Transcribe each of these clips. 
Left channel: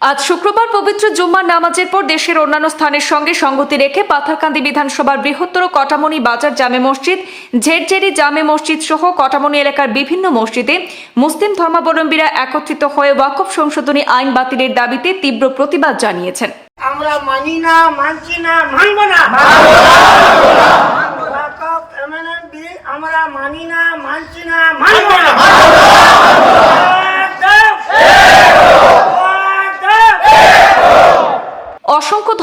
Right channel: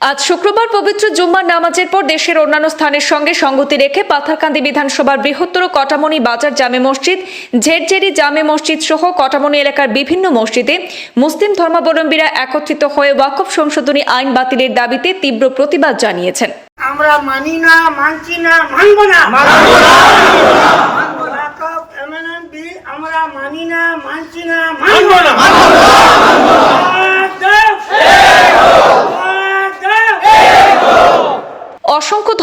আজ শুক্রবার পবিত্র জুম্মার নামাজের পর দেশের অন্যান্য স্থানের সঙ্গে সঙ্গতি রেখে পাথারকান্দি বিধানসভার বৃহত্তর কটামনি বাজার জামে মসজিদ ঝেরঝেরি জামে মসজিদ সহ কটামনি এলাকার বিভিন্ন মসজিদে মুসলিম ধর্মাবলম্বীরা একত্রিত হয়ে ওয়াকফ সংশোধনী আইন বাতিলের দাবিতে তীব্র প্রতিবাদ জানিয়েছেন। আমরা মানি না মানছি না মানব না। আমরা মানি না মানছি না। মানব না।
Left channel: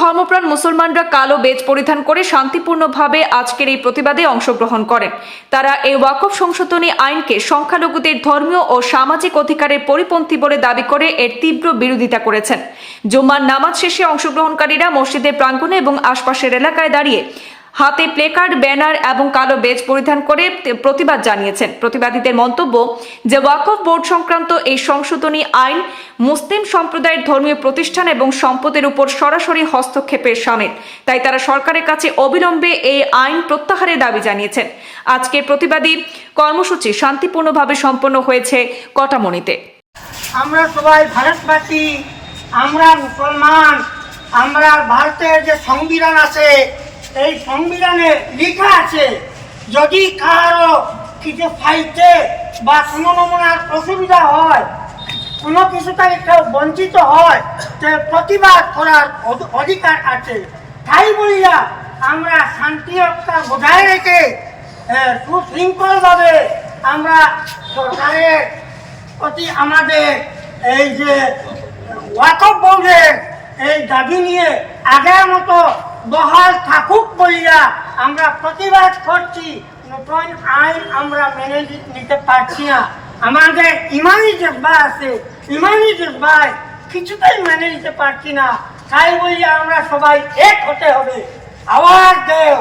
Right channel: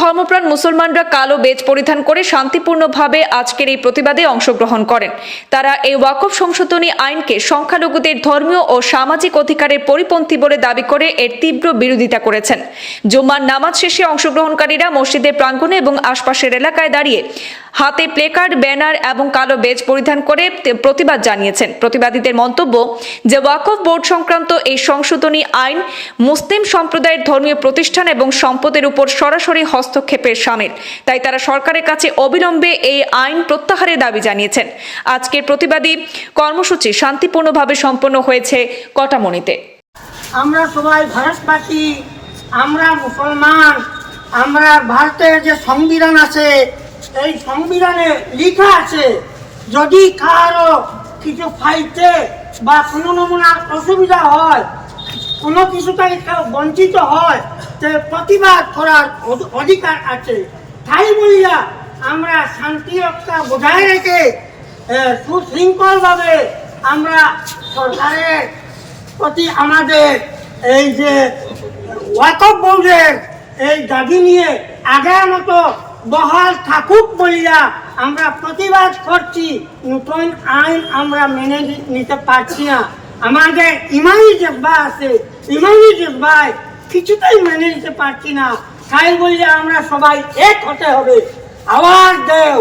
ধর্মপ্রাণ মুসলমানরা কালো বেজ পরিধান করে শান্তিপূর্ণভাবে আজকের এই প্রতিবাদে অংশগ্রহণ করেন। তারা এই ওয়াকফ সংশোধনী আইনকে সংখ্যালঘুদের ধর্মীয় ও সামাজিক অধিকারের পরিপন্থী বলে দাবি করে এর তীব্র বিরোধিতা করেছেন। জুম্মার নামাজ শেষে অংশগ্রহণকারীরা মসজিদের প্রাঙ্গণে এবং আশপাশের এলাকায় দাঁড়িয়ে হাতে প্লেকার্ড, ব্যানার এবং কালো বেজ পরিধান করে প্রতিবাদ জানিয়েছেন। প্রতিবাদীদের মন্তব্য যে ওয়াকফ বোর্ড সংক্রান্ত এই সংশোধনী আইন মুসলিম সম্প্রদায়ের ধর্মীয় প্রতিষ্ঠান এবং সম্পদের উপর সরাসরি হস্তক্ষেপের সামিল। তাই তারা সরকারের কাছে অবিলম্বে এই আইন প্রত্যাহারের দাবি জানিয়েছেন। আজকের প্রতিবাদী কর্মসূচি শান্তিপূর্ণভাবে সম্পন্ন হয়েছে কটামণিতে। আমরা সবাই ভারতবাসী, আমরা মুসলমান, আমরা ভারতের যে সংবিধান আছে এই সংবিধানে লিখা আছে, যদি কারও কিছু পাইতে বা কোনো নমুনার অসুবিধা হয়, কোনো কিছু থেকে কেউ বঞ্চিত হয় সে প্রতিবাদ করার অধিকার আছে। তাই বলিয়া আমরা শান্তি রক্ষা বজায় রেখে সুশৃঙ্খলভাবে আমরা সরকারের প্রতি আমাদের এই যে ওয়াকফ বোর্ডের এই দাবি নিয়ে আগের মতো বহাল থাকুক বলিয়া আমরা প্রতিবাদ করছি, নতুন আইন আমরা মেনে নিতে পারছি না। আমাদের ইমানি জব্বা আছে ইমানি জব্বায় কিছুতেই মেনে নিতে পারছি না। তাই বলিয়া আমরা সবাই এক হতে হবে। আওয়াজ দেও।